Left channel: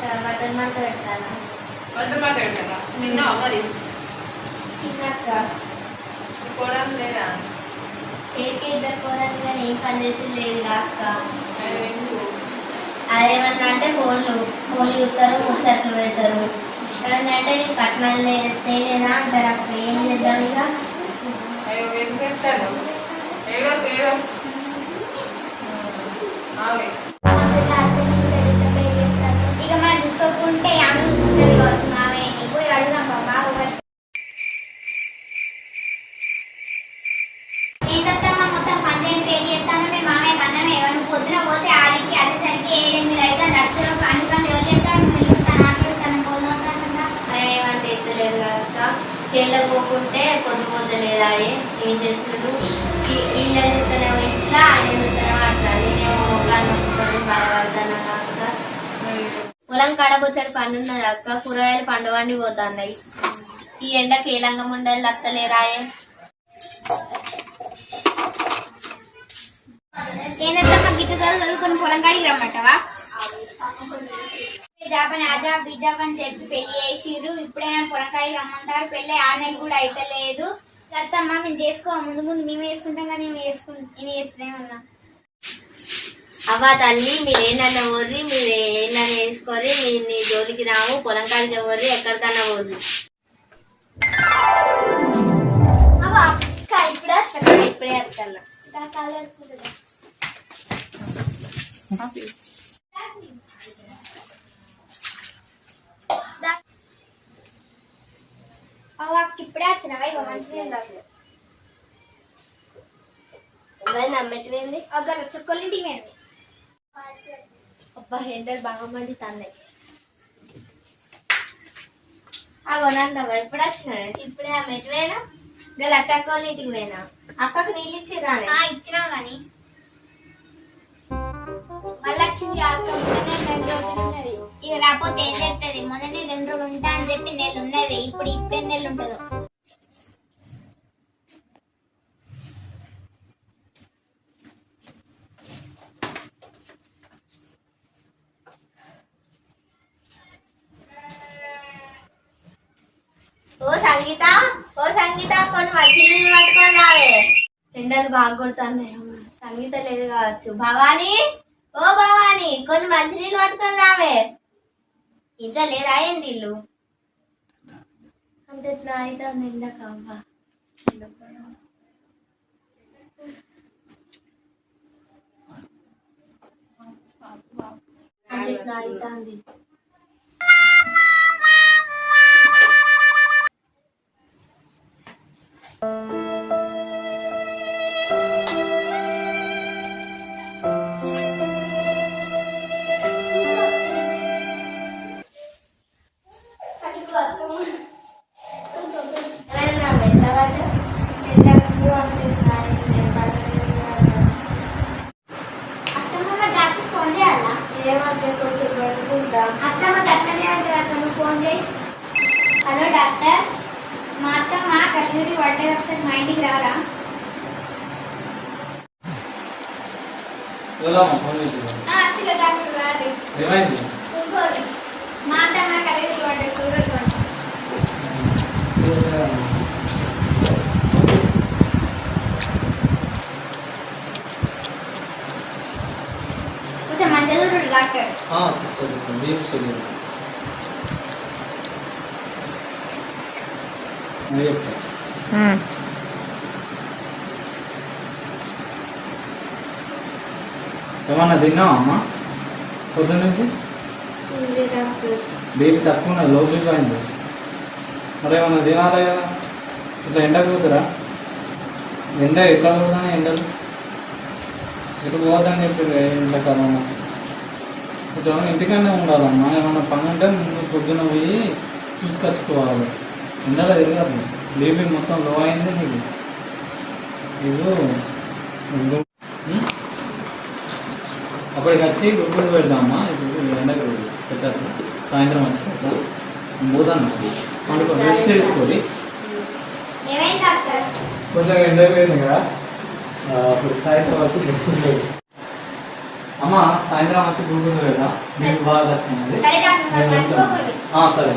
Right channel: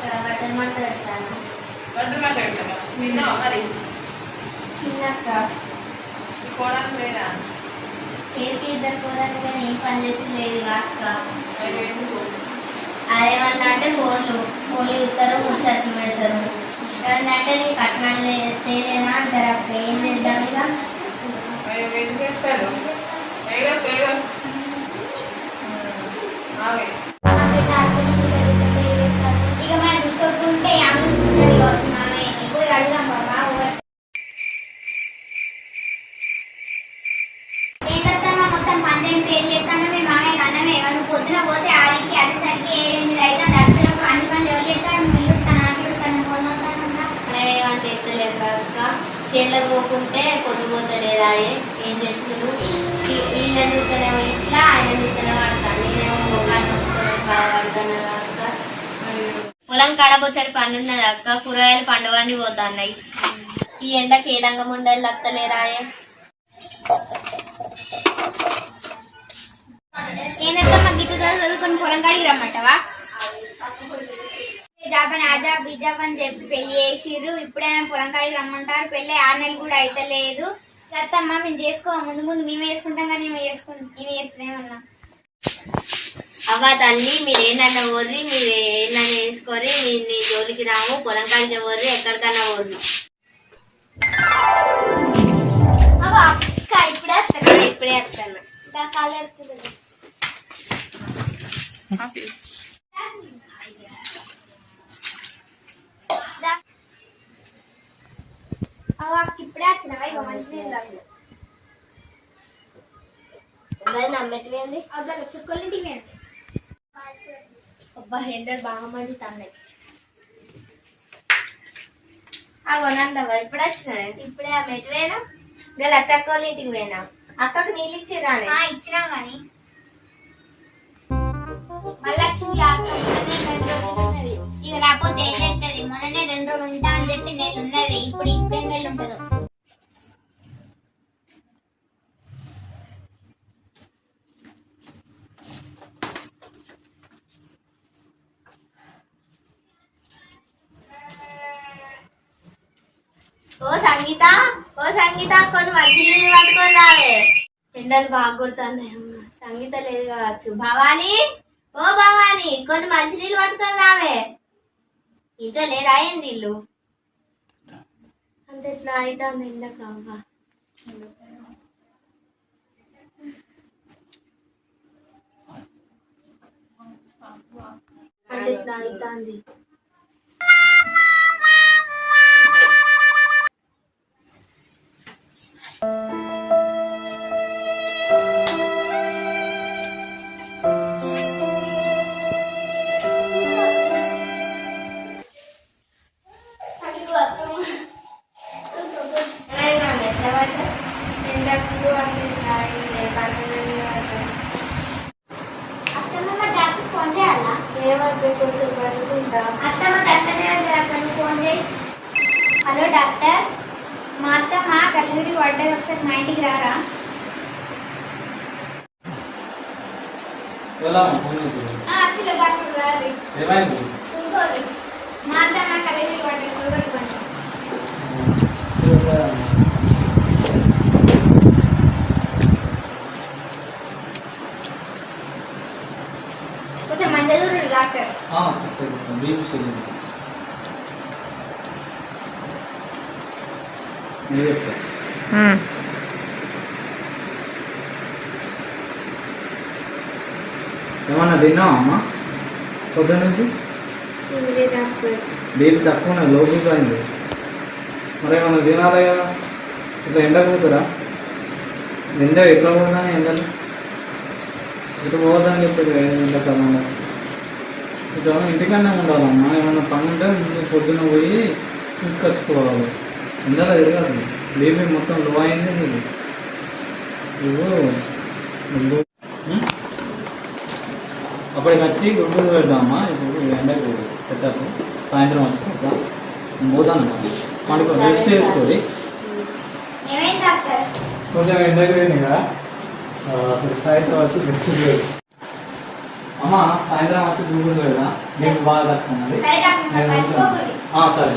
బట్టలు మంట పెట్టాను మాట మరి? లేదా? పేరుకి ఇద్దరు పోరాని కానీ ఏం పని చేసి లేదు అదేమన్నా అంటే ఫోన్లు ఫోన్లు చూస్తారు ముచ్చట్లు పెడతారు. ఏమన్నా అంటే నీకు కట్నాలు తేలేదా అంటారు అక్క? ఏం చేద్దాం ఇక? అయ్యో ఎందుకు ఏడో ఏడో. చేనులకు పోకుంటే పొద్దుపోతలేదా ఏం చేస్తుడు? వీళ్ళు ఎందుకునే ఇట్లా ఆయన ఎందుకునే అట్లా నేనేమో మొక్కలు బాధపడతాను అక్క. పొలం కడబొచ్చడి పండున్నది అక్క. కూరగాయలు పండుగని పోతున్నాయి. ఈ ఎండ కీలంగా లంగం ఉండాలి అత్తలేరాయే ఏంటమ్మా గిట్టు చదువుకొని పొలం కాడికి రమ్మంటావా? జాబ్ ఆ జాబ్ ఈ జాబ్ అని చెప్పి పెళ్ళి చేసిర్రు. ఇప్పుడైనా పొలం కాడికి రమ్మంటారు. పెళ్ళి ఆరు నెలలు కూడా అయితలేదు. అత్తమ్మ మేము చేసుకో. ముందు ముందు మేమే చేసుకుంటాం కానీ మేము చేసుకుంటాం నేను చేస్తున్నామన్నా అవ్వ తల్లి మీరు ఏంటన్నా పోర్రి మీరు ఏంటన్నా వేసుకొని మీరు నీ జోలికి రాము పొలం కాడికి పోర్రి. ఎక్కడికన్నా అక్క ఇప్పుడే వస్తా ఇప్పుడే వస్తాను ఇప్పుడే వచ్చినావా ఇక మంచిగా ఉండాలి నమ్మేటివేంది? అగ్గల చుక్కలింటికి వెళ్ళి అబ్బా ఎండలు బాగా మండి తన్నాయి ఆ కొనందవ్వ ఎప్పుడు వచ్చినా? ఇప్పుడే ఆ మెట్వేనా గల అచ్చక్క వాళ్ళ ఇంటికి పోయినా? అక్కకు నీళ్ళు ఇచ్చిరా ఆ ఇచ్చినాం కానీ మళ్ళీ వచ్చింది ఓ సంగీత ఓ సంగీత కొన్ని మంచి నీళ్ళు పట్టుకొని రావే. ఎండలు బాగా కొడుతున్నాయి. సంగీత లేదు కావచ్చు. భవానీ ఓ భవానీ కొన్ని మంచి నీళ్ళు పట్టుకొని రావే. ఇంట్లో లేరా ఏంది ఇల్లు అంత ఎట్లా అయితే ఎండక అవ్వ. అంత ఎట్లా అవుతుంది ఏమంటే కొంచెం పడుకుంటా అట్లనే ఫోన్ చేయి. హలో డాక్టర్ మా అత్తమ్మ కలిగిరి పడ్డది ఒకసారి మా ఇంటికి రారా? ఏమైంది? చూసుకోరు మా అత్తమ్మ కలిగిరి పడ్డది చూడరు కొంచెం కొంచెం చెప్తా చెప్తా నువ్వు చెప్తా ఏమన్నా తిన్నావా అమ్మా పొద్దున్న నుంచి బీపీ తక్కువ ఉన్నది లో బీపీ అయింది మరి ఏమన్నా తినాలి కదా? ఇట్లా ఎండ పోతురా ఎండ ఎట్లా పోతున్నా ఎండలు? ఇప్పుడు పోదని చెప్పారు ఎండాకాలంలో? కొంచెం ఇంటికన్నా ఉండాలమ్మా. ఏమన్నా పని ఉంటే ముందు పొద్దున్న పోయి చూసుకొచ్చుకోవాలి. ఎండలో తిరగదు. బీపీ మొత్తం లో అయింది నీకు నువ్వు? అప్పటికి వచ్చి గుడ్డు పెడదామా? ఇప్పుడు ఎండకు పెట్టారు సాయంత్రం వచ్చి పెడతాం పోతాను. మనకు రెస్ట్ డాక్టర్? కొంచెం ఎండకు పోయింది కదా. ఆ, అప్పుడు సాయంత్రం వచ్చి గుర్తుంది అమ్మ సాయంత్రం వచ్చి చూపించు కదా? మీకు బాగా సరే.